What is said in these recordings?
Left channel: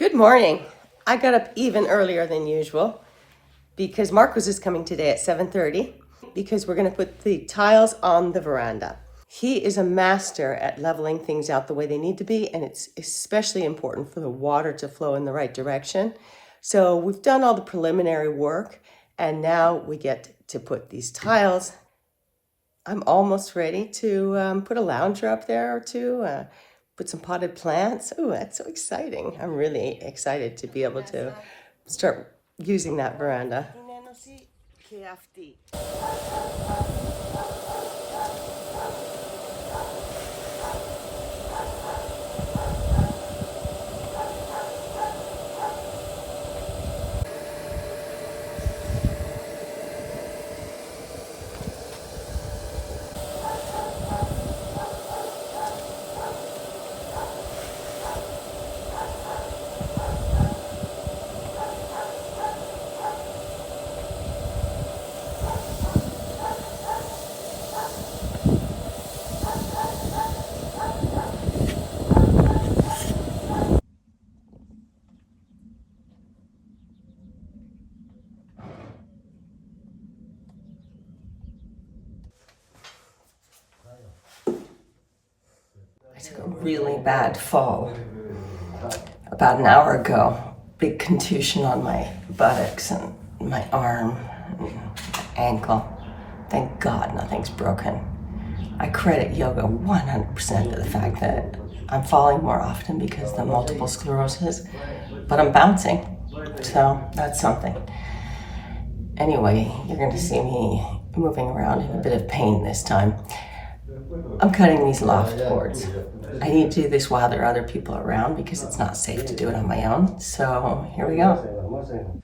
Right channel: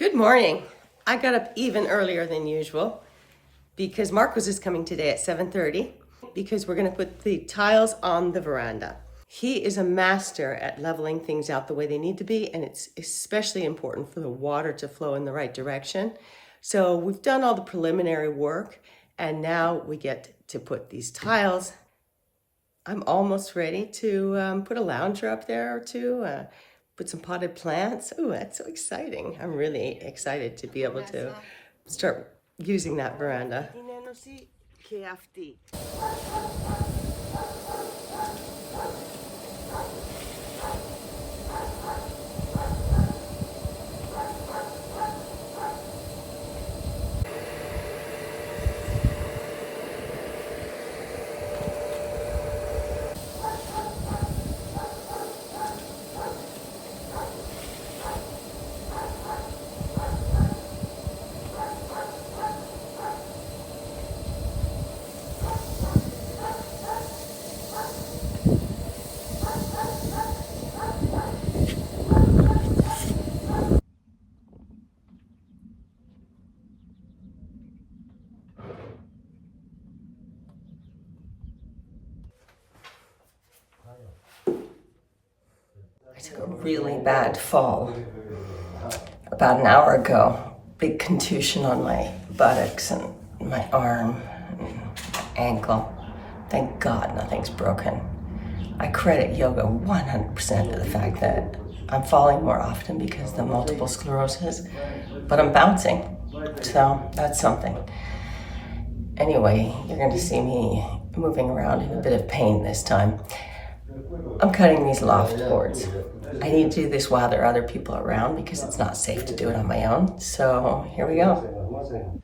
Good morning. I got up even earlier than usual because Markos is coming today at 7:30 because we're going to put the tiles on the veranda. He is a master at leveling things out the way they need to be, and it's especially important for the water to flow in the right direction. So we've done all the preliminary work, and now we get to put these tiles. I'm almost ready to put a lounger up there or two, put some potted plants. Oh, that's so exciting. I'm really excited to be able to start using that veranda. I took a really bad fall about an hour ago. Big contusion on my buttocks and my arm and ankle. Thank God nothing's broken. I credit yoga 100% to the fact that I'm falling more often because of the multiple sclerosis, but I'm bouncing, so that's something. Anyway, you're going to see me moving around in a bit of pain this time. I'm cutting these loft boards. I need to do this while there are other people around because it's not safe to do it on my own. So here we go.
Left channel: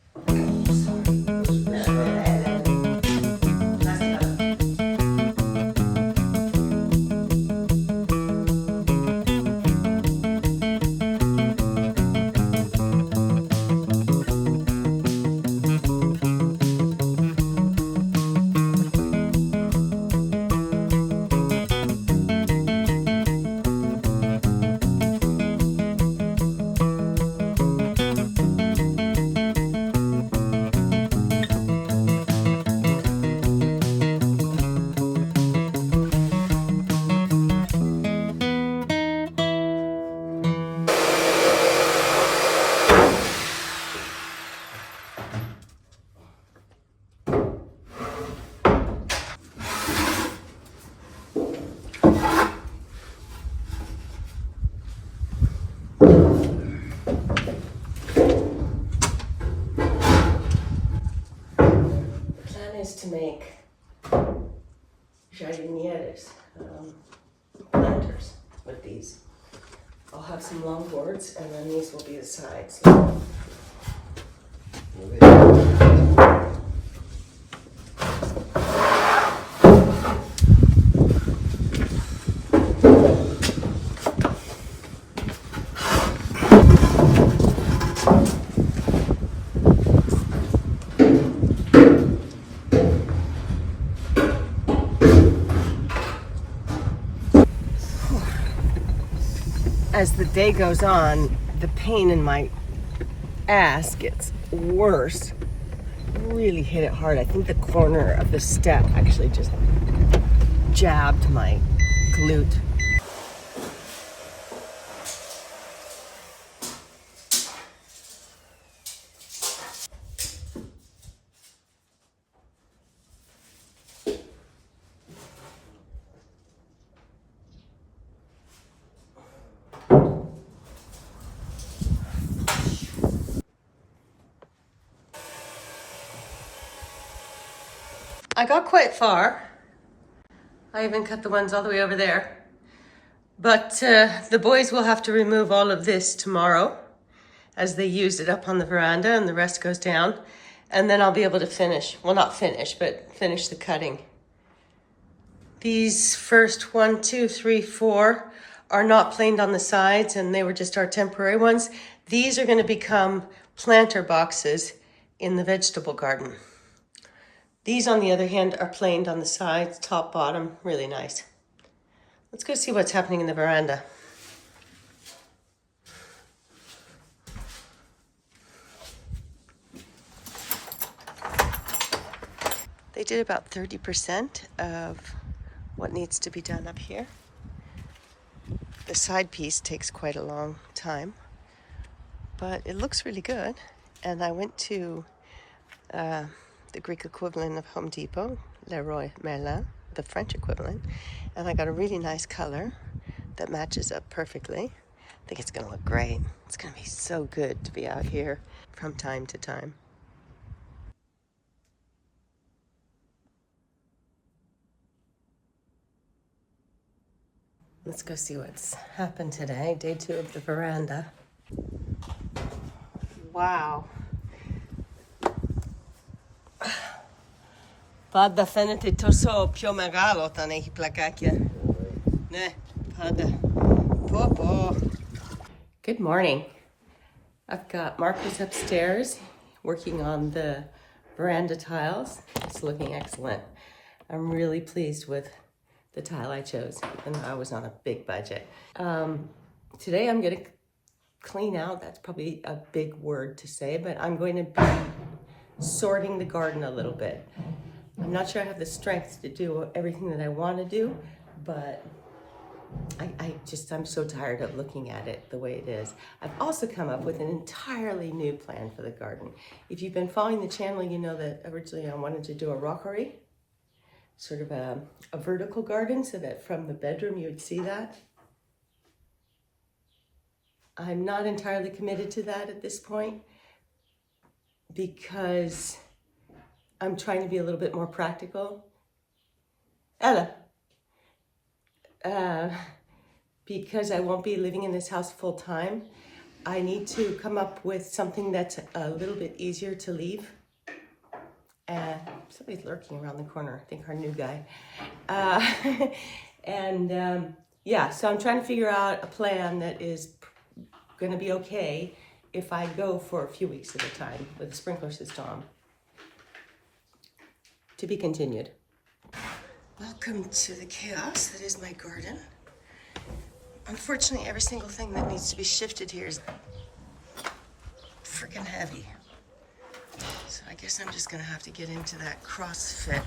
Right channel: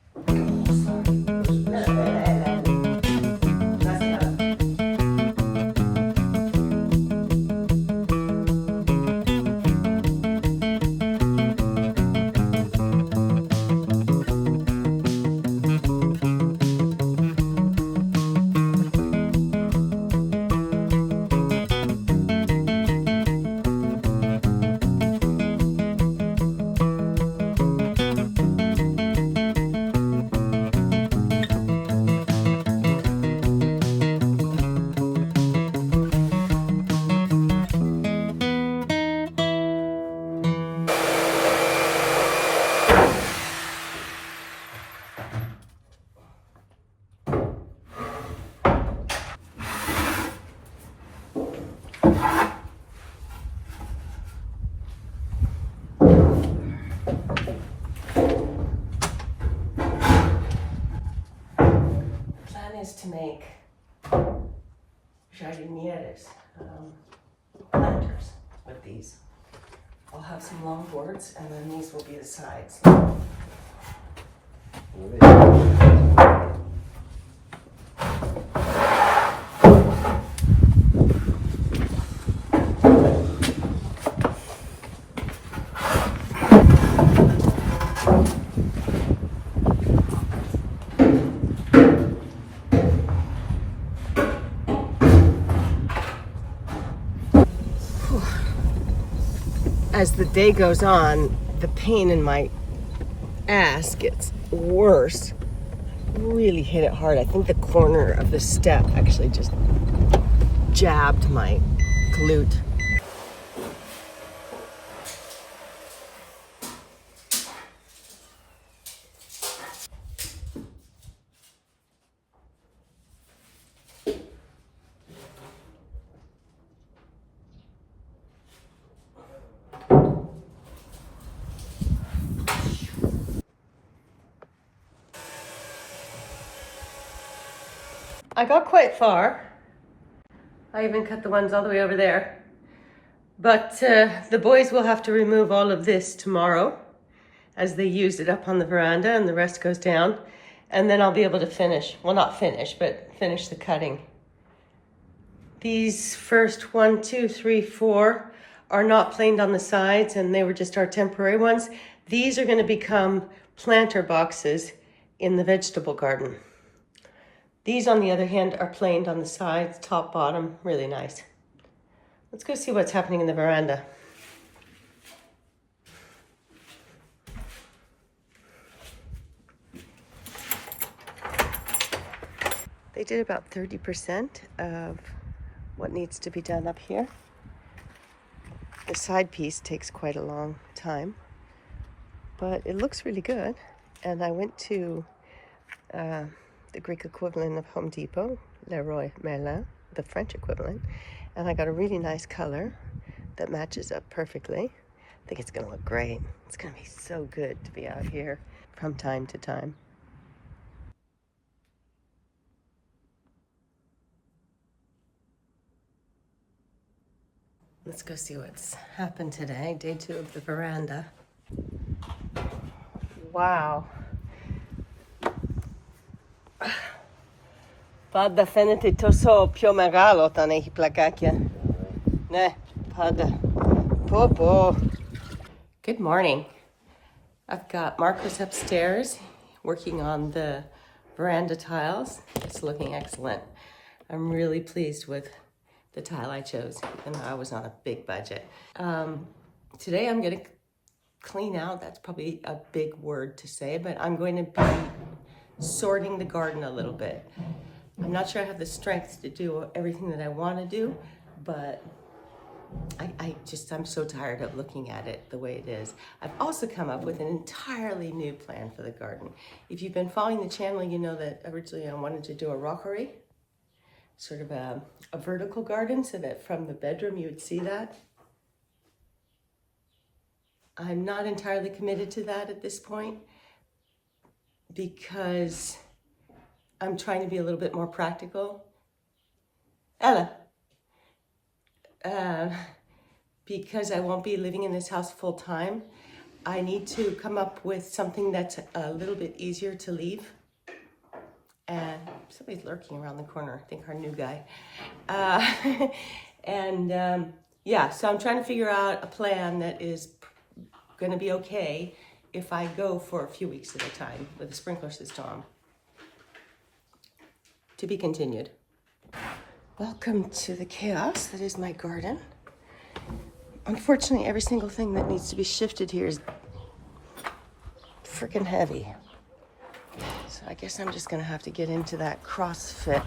Is to make jardinieres, planters with these. I'll have some long boards and then these will be the sides. As the day goes on, the pain in my ass gets worse. Really hit it hard. I think the corner of the step actually just jabbed my glute. I got quite far. I even cut the ones all the way over there. But the boys will have to remove all of this tomorrow as they use it up on the veranda and the rest goes down. And then I'll be able to finish, well, not finish, but finish the cutting. These first 1, 2, 3, 4 are not planed on the sides and they were just our temporary ones. These are going to become planter boxes in the vegetable garden. These, on the other hand, are planed on the sides, top, bottom, really nice. Let's go see what's happening in the veranda. They did about 30% of what needs to be done up here. The side piece takes quite a long time, but it looks really good. And I went to the Greek equivalent of Home Depot, Leroy Merlin, the French equivalent, and I got a really nice color that matches up perfectly. I think it's gonna look great. It's gonna be so good to be out here from time to time. Let's go see what's happened today. Day 2 of the veranda. Wow. Pada fenete toso pio megalo tane hiplakakia. Ne, pada. Popo. Good morning. I've got Marcos upstairs working on the veranda tiles. It's looking excellent. I'm really pleased with the tile I chose, even though I was on a big budget. Today I'm going to clean out. That's probably a big word to say, but I'm going to be sorting the garden a little bit. I'm not sure I have the strength to do everything that I want to do, but I'm so tired of looking at it the way it is. I've also come up with an entirely new plan for the garden. If you've been following the channel, you know that originally I wanted to do a rockery, sort of a vertical garden, so that from the bedroom you would see that. I'm not entirely committed to that at this point because I'm trying to be a little bit more practical. Ella. Because I won't be living in this house full time, I need to come up with something that's a little bit easier to leave. And somebody's lurking around the corner, I think our new guy. Yeah, so I'm trying to figure out a plan that is gonna be okay if I go for a few weeks at a time with a sprinkler system. To be continued. Welcome to the chaos that is my garden. Unfortunately, every single thing that needs to be shifted here is freaking heavy. So I guess I'm just gonna have to get into that CrossFit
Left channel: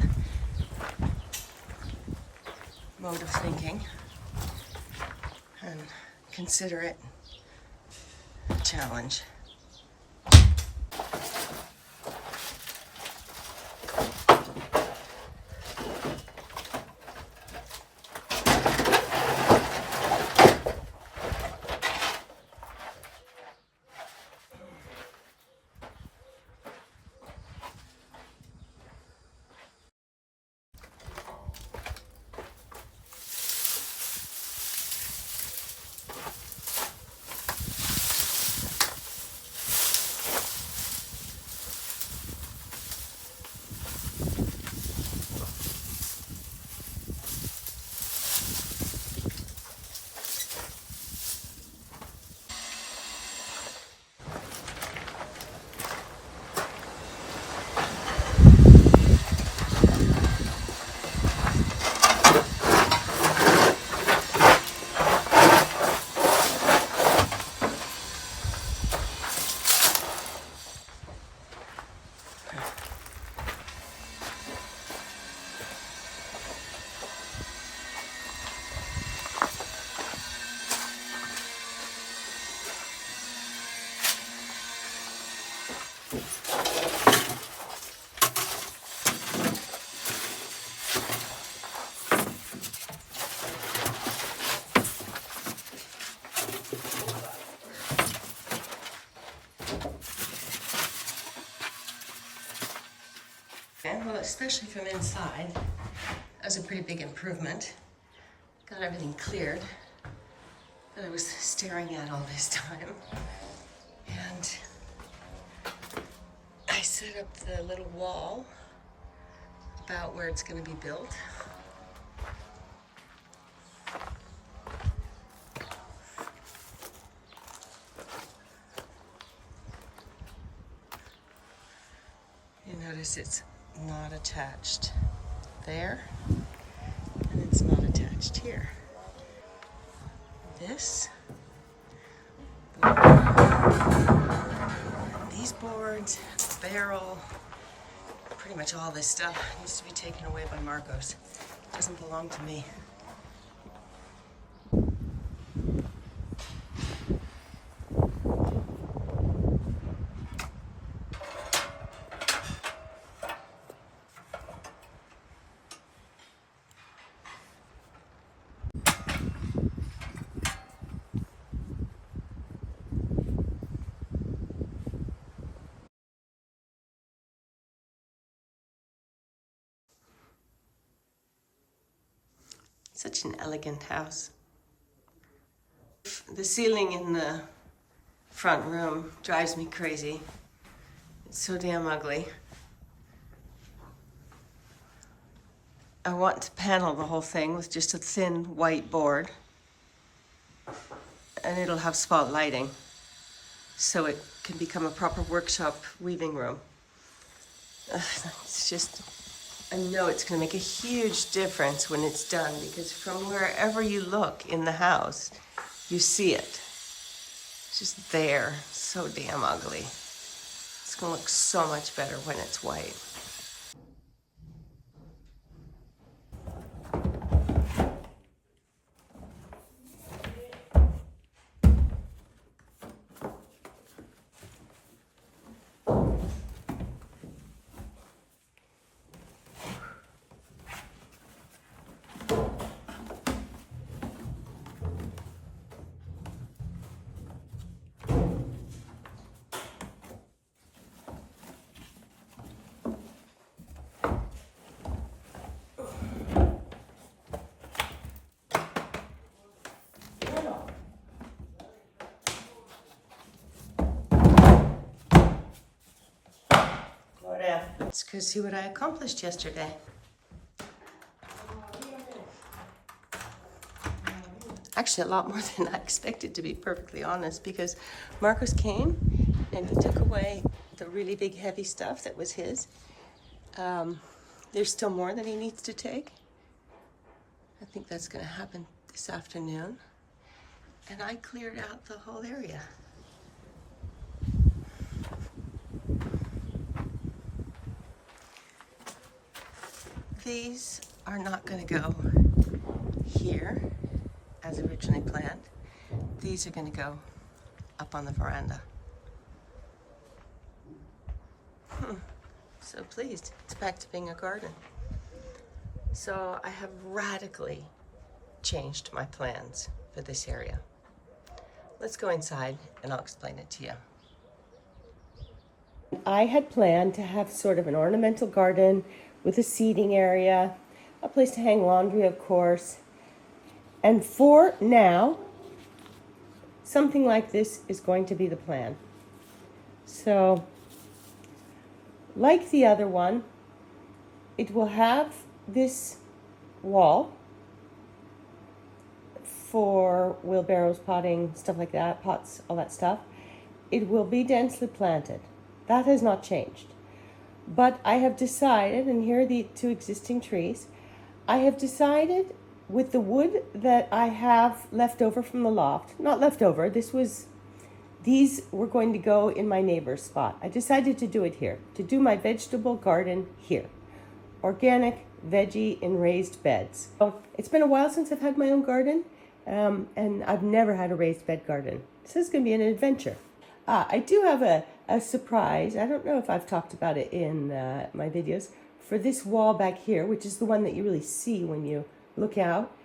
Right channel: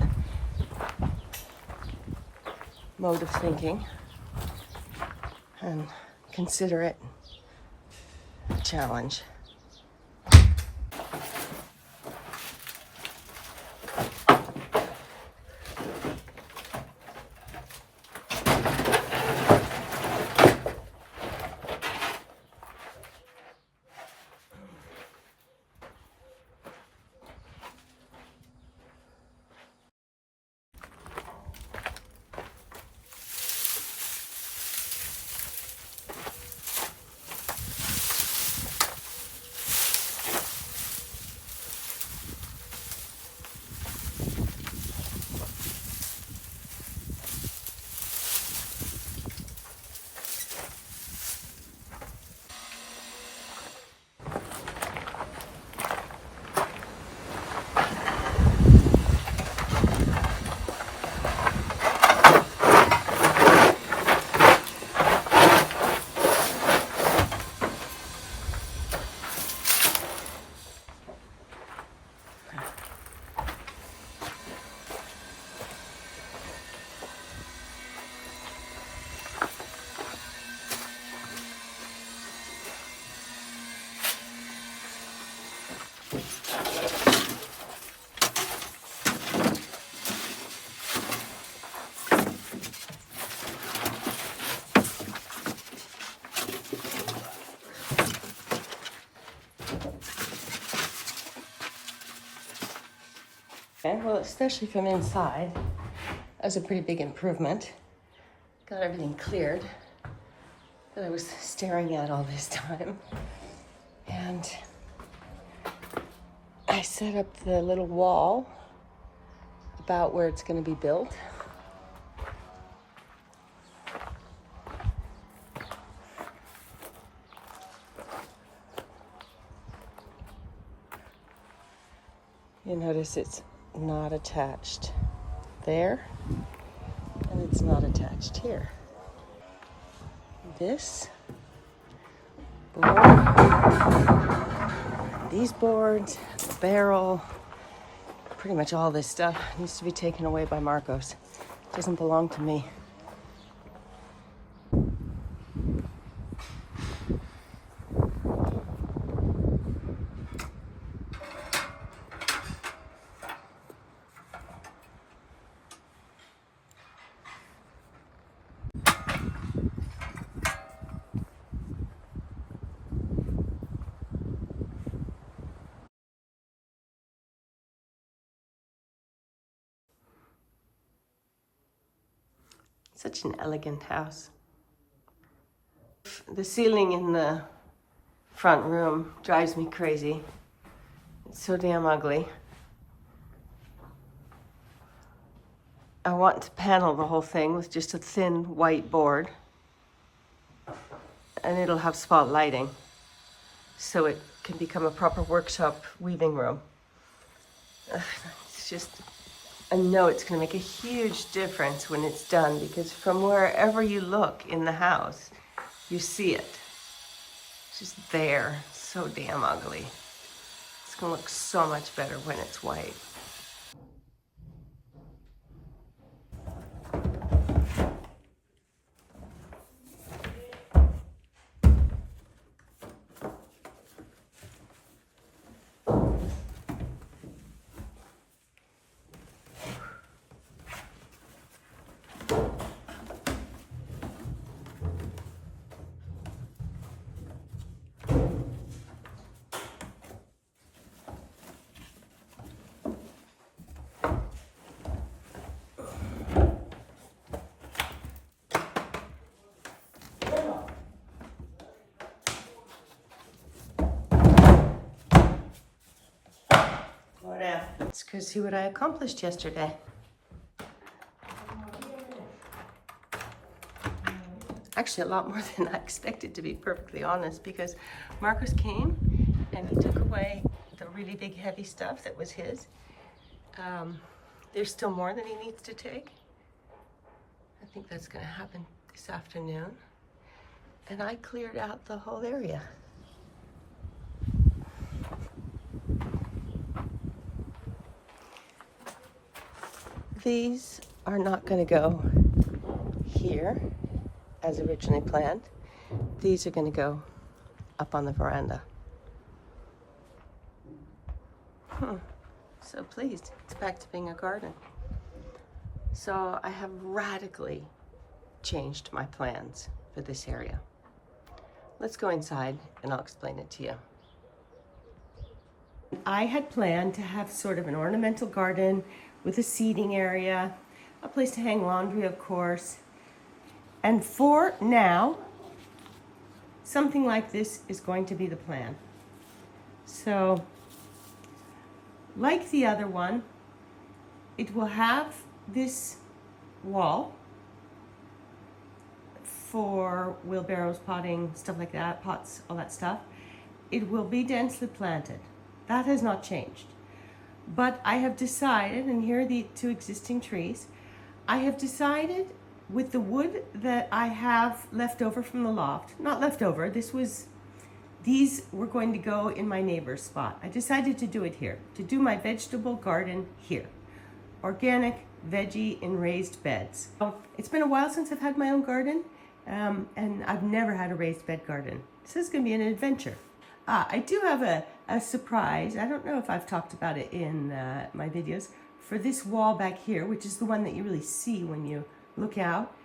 mode of thinking and consider it a challenge. Okay, well, especially from inside, that's a pretty big improvement. Got everything cleared that I was staring at all this time. And I set up the little wall about where it's going to be built. You notice it's not attached there, and it's not attached here. This board, these boards, the barrel, Pretty much all this stuff needs to be taken away by Markos. It doesn't belong to me. Such an elegant house. The ceiling in the front room drives me crazy. It's so damn ugly. I want to panel the whole thing with just a thin white board, and it'll have spot lighting, so it can become a proper workshop weaving room. It's just, I know it's going to make a huge difference when it's done, because from wherever you look in the house, you see it. It's just there. So damn ugly. It's going to look so much better when it's white. Let's go see what I accomplished yesterday. Actually, a lot more than I expected, to be perfectly honest, because Markos came and he took away the really big heavy stuff that was his. There's still more that he needs to take. I think that's going to happen this afternoon. And I cleared out the whole area. These are not going to go here as originally planned. These are going to go up on the veranda. So pleased. It's back to being a garden. So I have radically changed my plans for this area. Let's go inside and I'll explain it to you. I had planned to have sort of an ornamental garden with a seating area, a place to hang laundry, of course. And for now, something like this is going to be the plan. So, like the other one, it will have this wall for wheelbarrows, potting, stuff like that, pots, all that stuff. It will be densely planted. That has not changed. But I have decided, and here are the two existing trees, I have decided with the wood that I have left over from the loft, not left over, these were going to go in my neighbor's spot. I decided to do it here, to do my vegetable garden here. Organic veggie in raised beds. So it's been a while since I've had my own garden, and I've never had a raised bed garden. So it's going to be an adventure. I do have a surprise. I don't know if I've talked about it in my videos. For this wall back here, which is the one that you really see when you look out,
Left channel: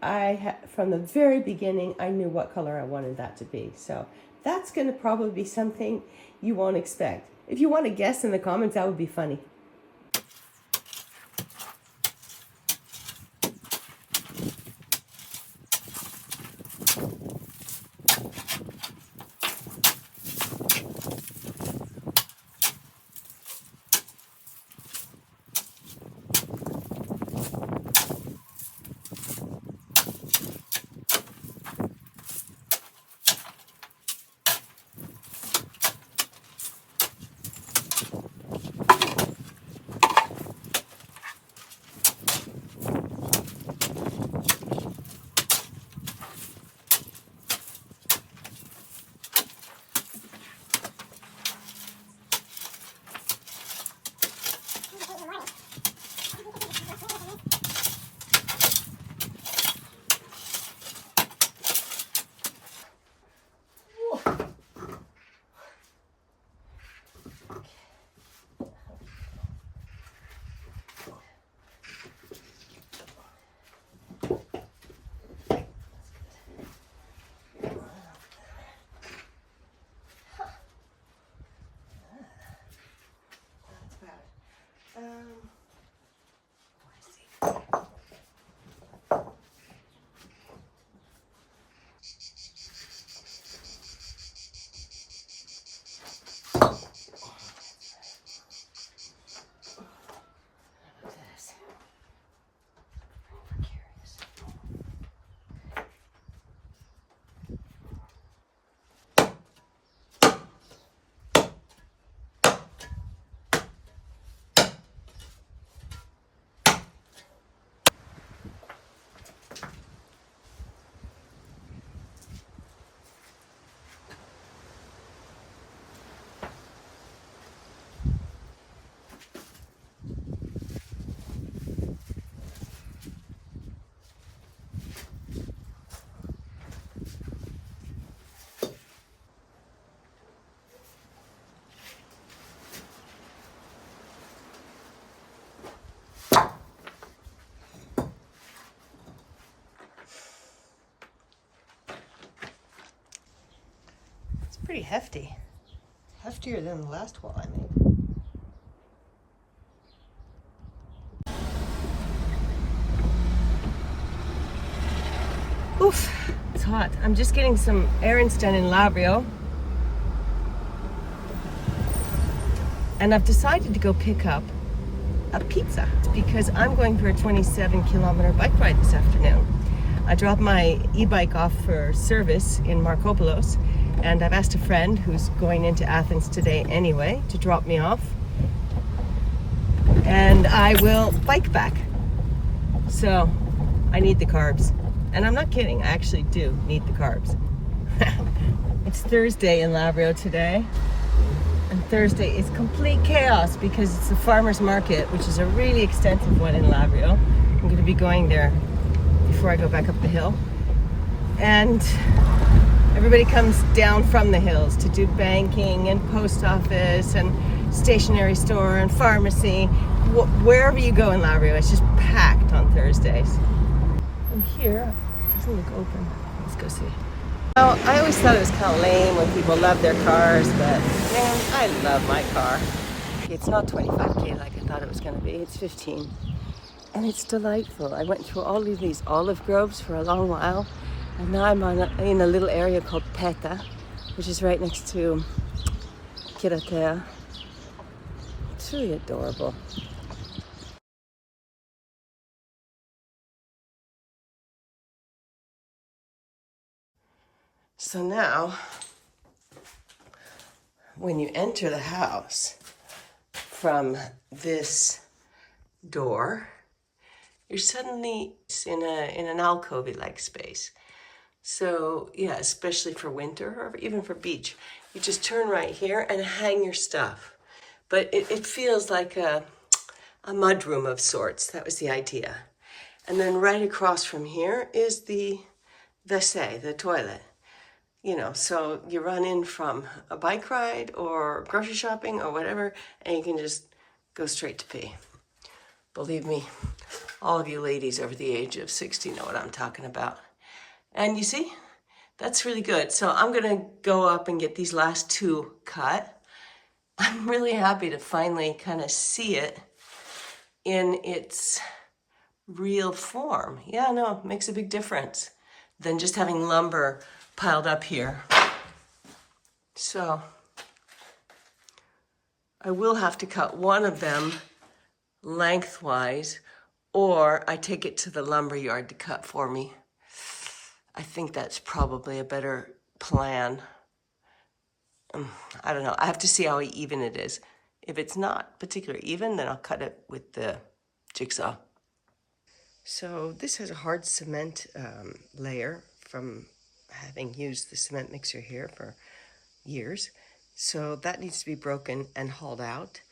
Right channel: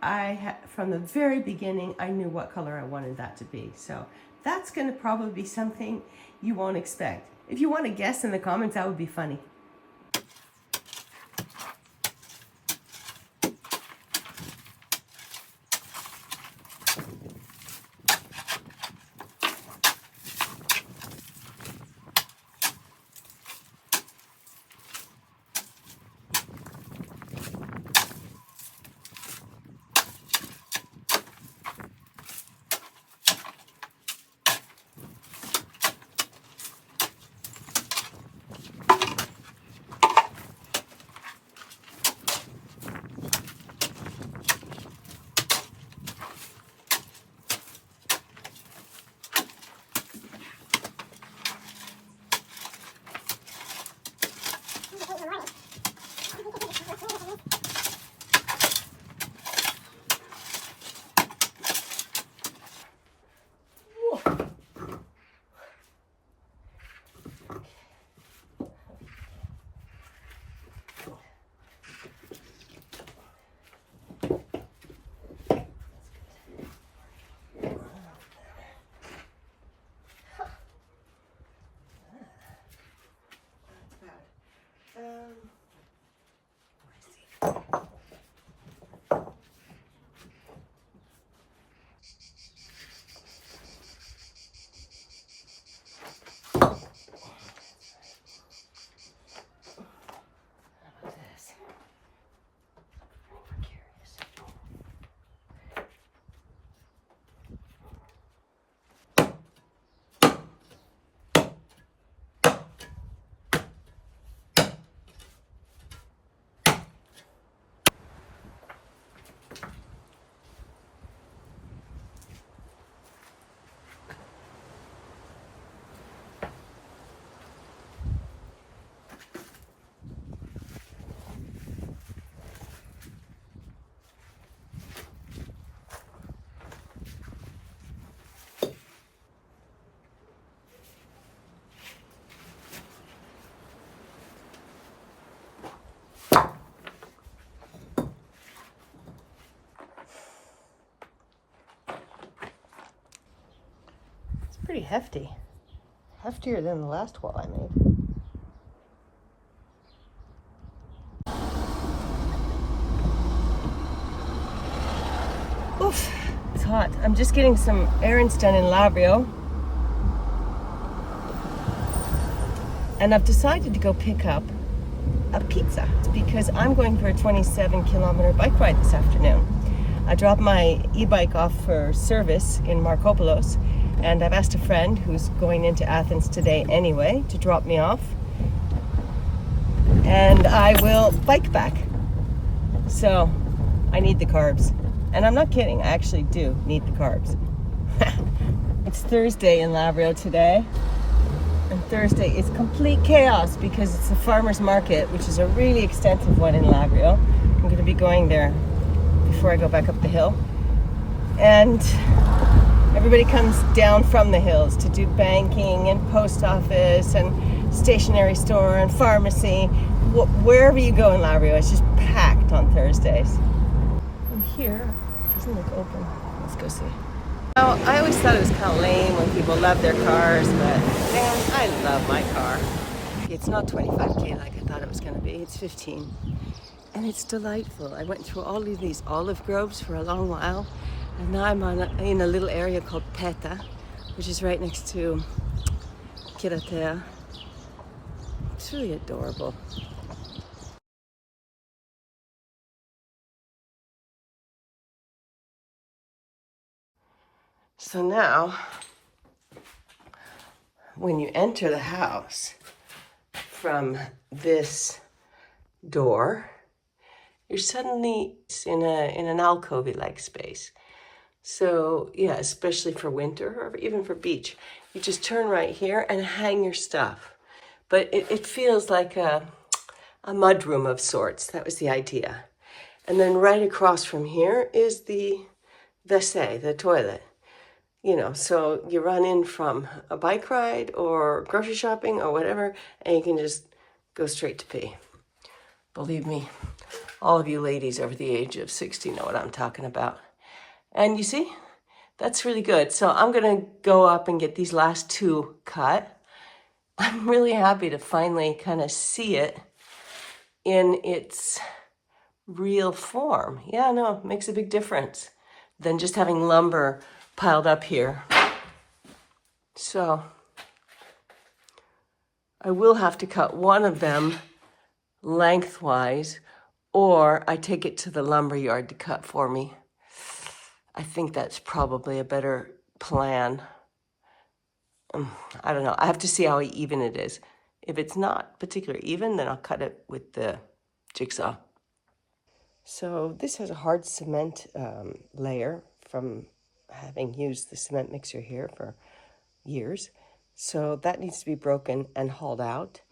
from the very beginning, I knew what color I wanted that to be. So that's going to probably be something you won't expect. If you want to guess in the comments, that would be funny. Pretty hefty. Heftier than the last wall I made. Oof, it's hot. I'm just getting some errands done in Lavrio. And I've decided to go pick up a pizza because I'm going for a 27-kilometer bike ride this afternoon. I dropped my e-bike off for service in Markopoulos, and I've asked a friend who's going into Athens today anyway to drop me off. And I will bike back. So I need the carbs. And I'm not kidding, I actually do need the carbs. It's Thursday in Lavrio today. And Thursday is complete chaos because it's the farmer's market, which is a really extensive one in Lavrio. I'm going to be going there before I go back up the hill. And everybody comes down from the hills to do banking and post office and stationery store and pharmacy. Wherever you go in Lavrio, it's just packed on Thursdays. And here, it doesn't look open. Let's go see. Well, I always thought it was kind of lame when people love their cars, but man, I love my car. It's not 25K like I thought it was going to be. It's 15. And it's delightful. I went through all of these olive groves for a long while, and now I'm in a little area called Peta, which is right next to Kiratea. It's really adorable. So now, when you enter the house from this door, you're suddenly in an alcove-like space. So yeah, especially for winter or even for beach, you just turn right here and hang your stuff. But it feels like a mudroom of sorts. That was the idea. And then right across from here is the WC, the toilet. You know, so you run in from a bike ride or grocery shopping or whatever, and you can just go straight to pee. Believe me, all of you ladies over the age of 60 know what I'm talking about. And you see, that's really good. So I'm gonna go up and get these last two cut. I'm really happy to finally kind of see it in its real form. Yeah, no, it makes a big difference than just having lumber piled up here. So I will have to cut one of them lengthwise, or I take it to the lumber yard to cut for me. I think that's probably a better plan. I don't know. I have to see how even it is. If it's not particularly even, then I'll cut it with the jigsaw. So this has a hard cement layer from having used the cement mixer here for years. So that needs to be broken and hauled out.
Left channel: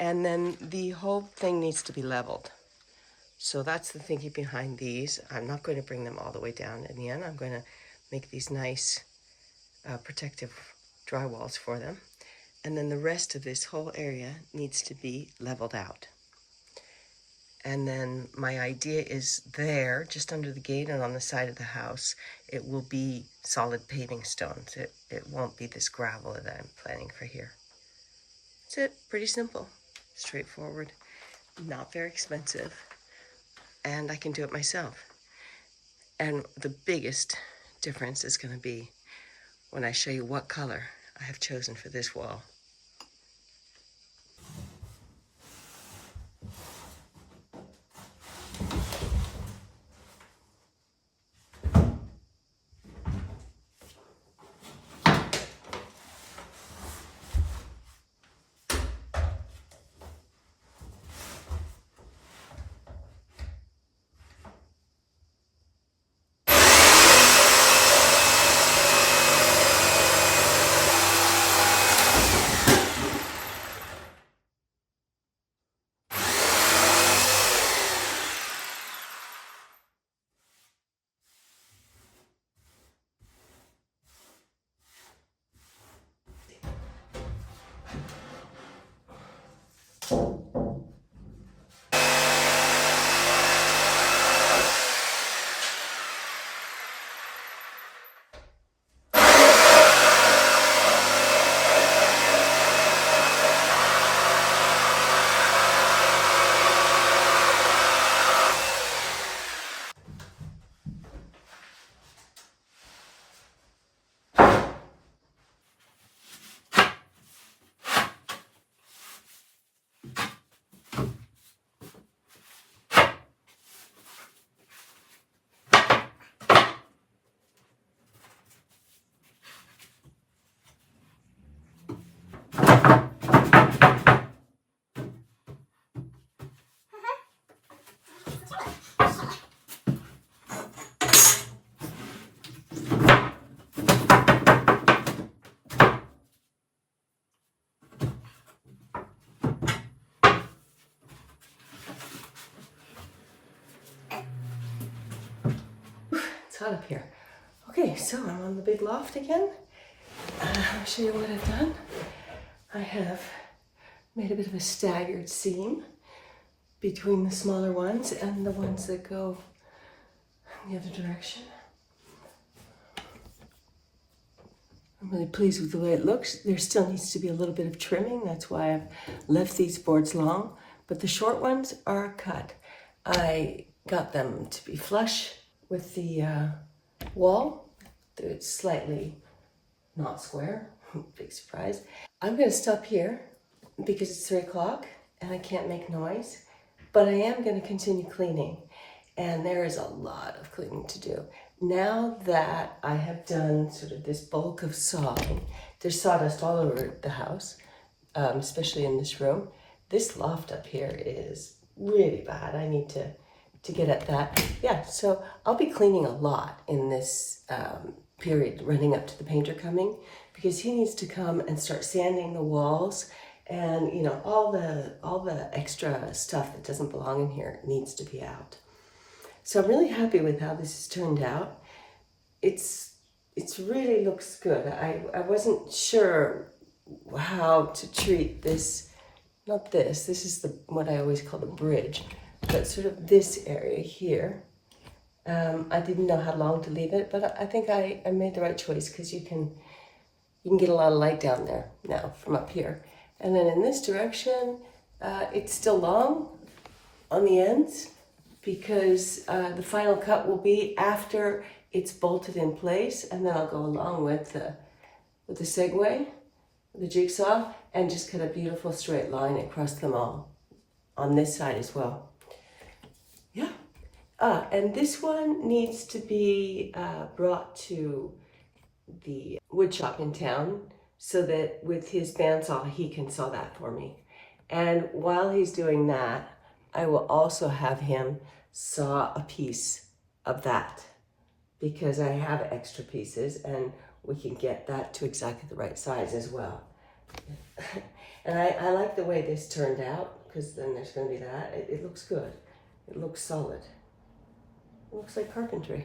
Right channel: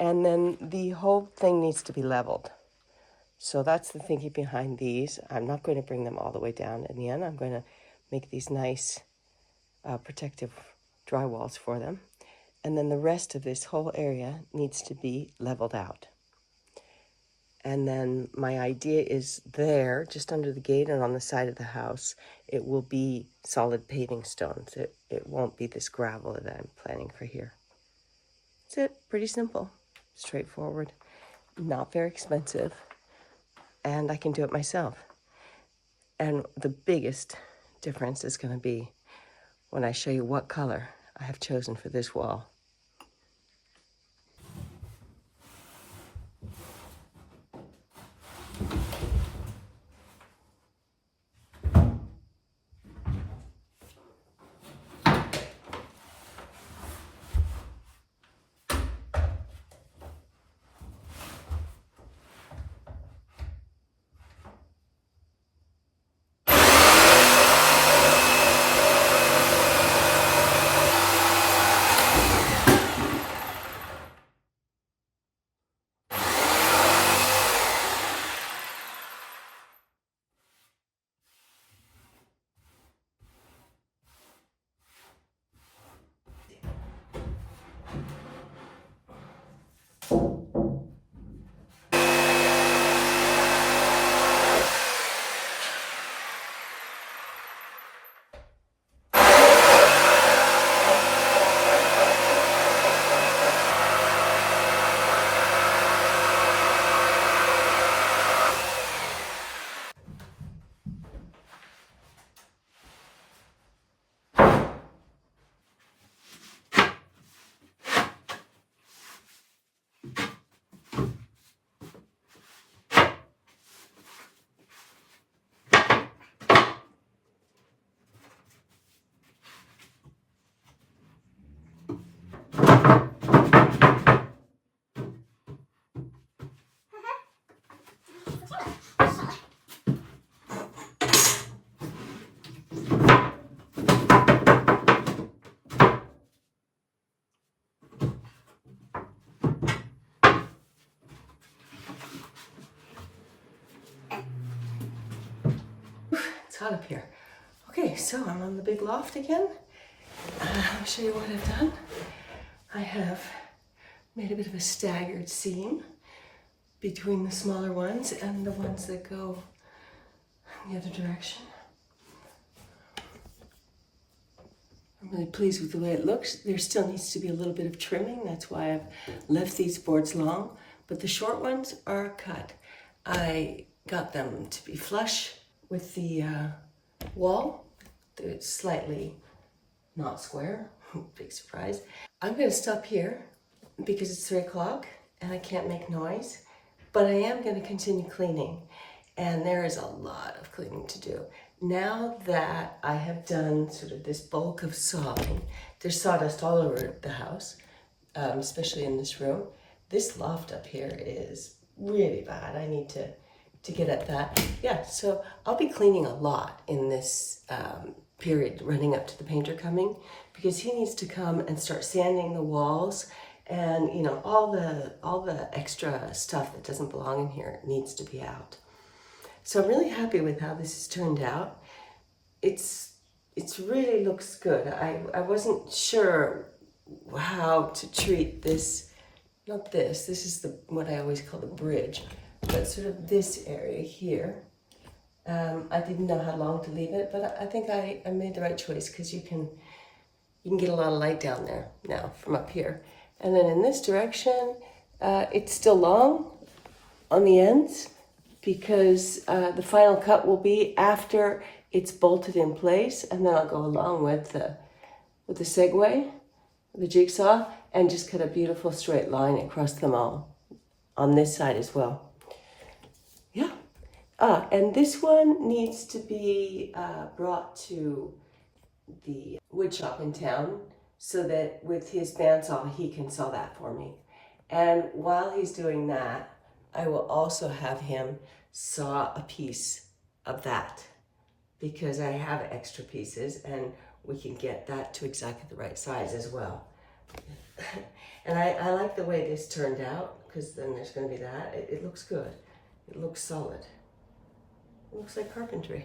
And then the whole thing needs to be leveled. So that's the thinking behind these. I'm not going to bring them all the way down in the end. I'm going to make these nice protective drywalls for them. And then the rest of this whole area needs to be leveled out. And then my idea is there, just under the gate and on the side of the house, it will be solid paving stones. It won't be this gravel that I'm planning for here. That's it. Pretty simple, straightforward, not very expensive, and I can do it myself. And the biggest difference is going to be when I show you what color I have chosen for this wall. hot up here. Okay, so I'm on the big loft again. I'll show you what I've done. I have made a bit of a staggered seam between the smaller ones and the ones that go in the other direction. I'm really pleased with the way it looks. There still needs to be a little bit of trimming. That's why I've left these boards long, but the short ones are cut. I got them to be flush with the wall. It's slightly not square, big surprise. I'm gonna stop here because it's 3 o'clock and I can't make noise, but I am gonna continue cleaning, and there is a lot of cleaning to do. Now that I have done sort of this bulk of sawing, there's sawdust all over the house, especially in this room. This loft up here is really bad. I need to get at that. Yeah, so I'll be cleaning a lot in this period running up to the painter coming, because he needs to come and start sanding the walls, and you know, all the extra stuff that doesn't belong in here needs to be out. So I'm really happy with how this has turned out. It's really looks good. I wasn't sure how to treat this, not this. This is what I always call the bridge, but sort of this area here. I didn't know how long to leave it, but I think I made the right choice, because you can get a lot of light down there now from up here. And then in this direction, it's still long on the ends, because the final cut will be after it's bolted in place, and then I'll go along with the segue, the jigsaw, and just cut a beautiful straight line across them all on this side as well. Yeah. And this one needs to be brought to the wood shop in town, so that with his bandsaw, he can saw that for me. And while he's doing that, I will also have him saw a piece of that, because I have extra pieces and we can get that to exactly the right size as well. And I like the way this turned out, because then there's going to be that. It looks good. It looks solid. It looks like carpentry.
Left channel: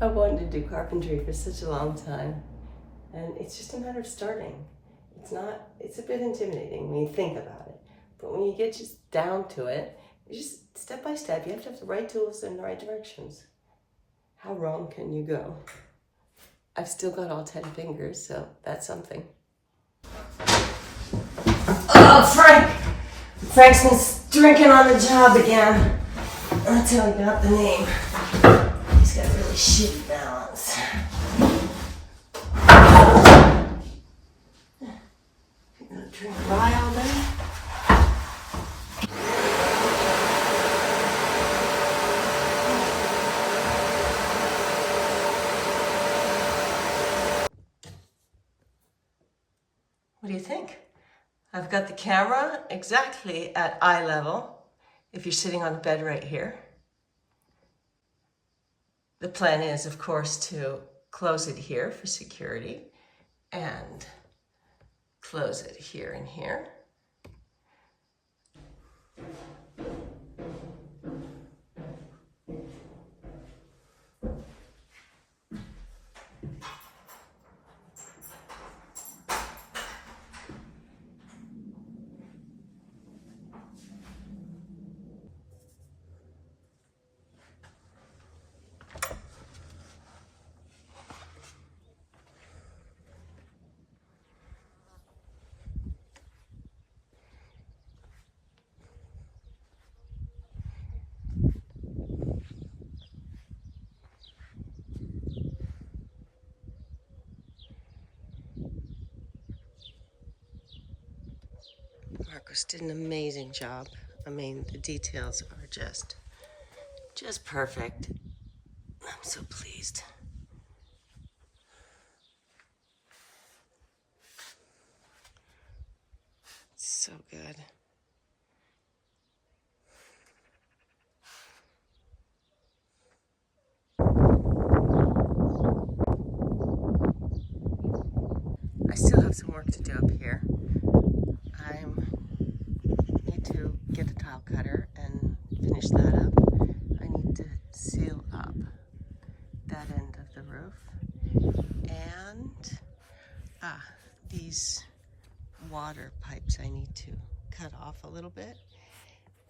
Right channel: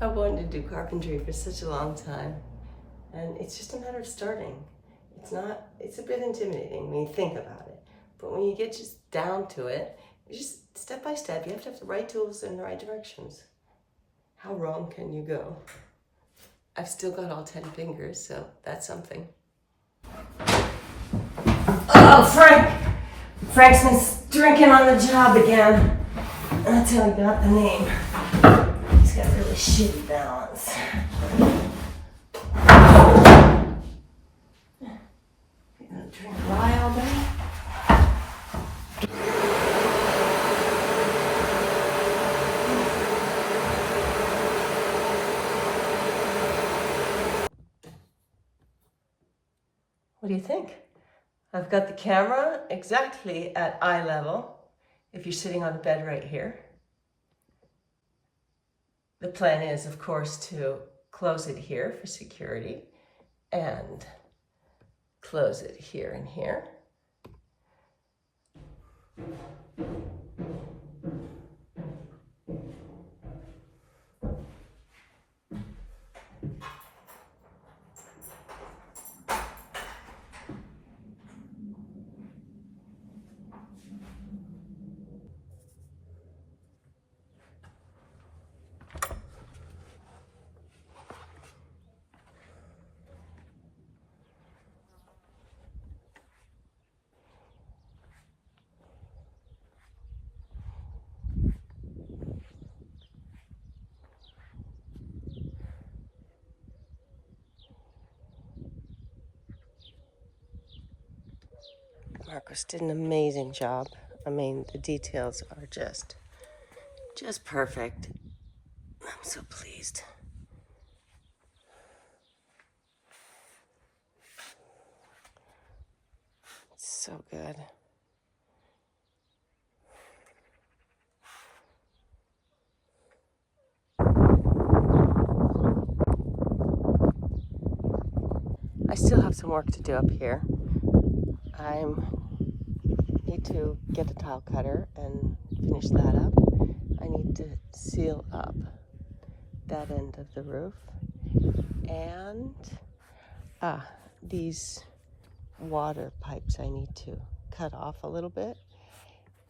I wanted to do carpentry for such a long time, and it's just a matter of starting. It's a bit intimidating when you think about it, but when you get just down to it, it's just step by step. You have to have the right tools in the right directions. How wrong can you go? I've still got all 10 fingers, so that's something. Oh, Frank's been drinking on the job again. That's how he got the name. He's got a really shitty balance. You gonna drink rye all day? What do you think? I've got the camera exactly at eye level if you're sitting on a bed right here. The plan is, of course, to close it here for security and close it here and here. Markos did an amazing job. I mean, the details are just perfect. I'm so pleased. It's so good. I still have some work to do up here. I need to get the tile cutter and finish that up. I need to seal up that end of the roof. And these water pipes I need to cut off a little bit.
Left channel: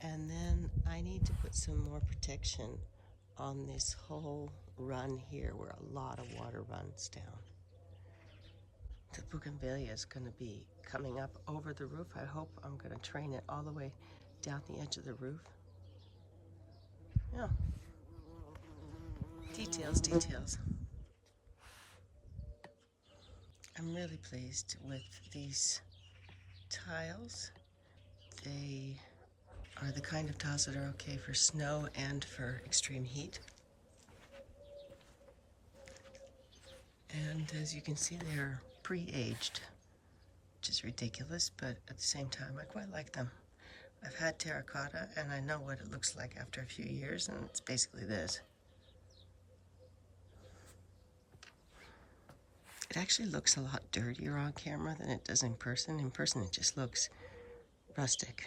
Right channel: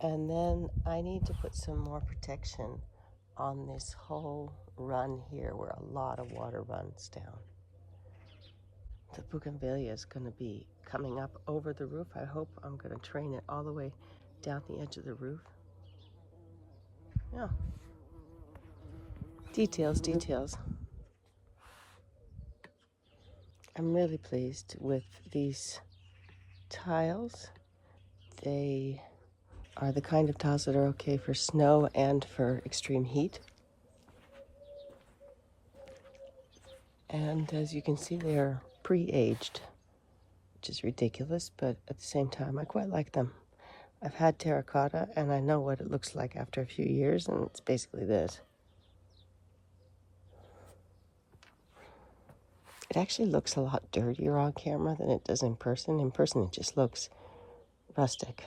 And then I need to put some more protection on this whole run here where a lot of water runs down. The bougainvillea is going to be coming up over the roof. I hope I'm going to train it all the way down the edge of the roof. Yeah. Details, details. I'm really pleased with these tiles. They are the kind of tiles that are okay for snow and for extreme heat. And as you can see, they're pre-aged, which is ridiculous, but at the same time, I quite like them. I've had terracotta, and I know what it looks like after a few years, and it's basically this. It actually looks a lot dirtier on camera than it does in person. In person, it just looks rustic.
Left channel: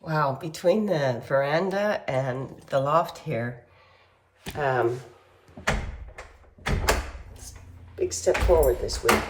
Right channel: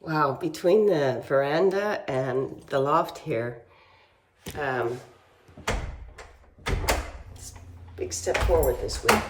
Wow, between the veranda and the loft here, it's a big step forward this week.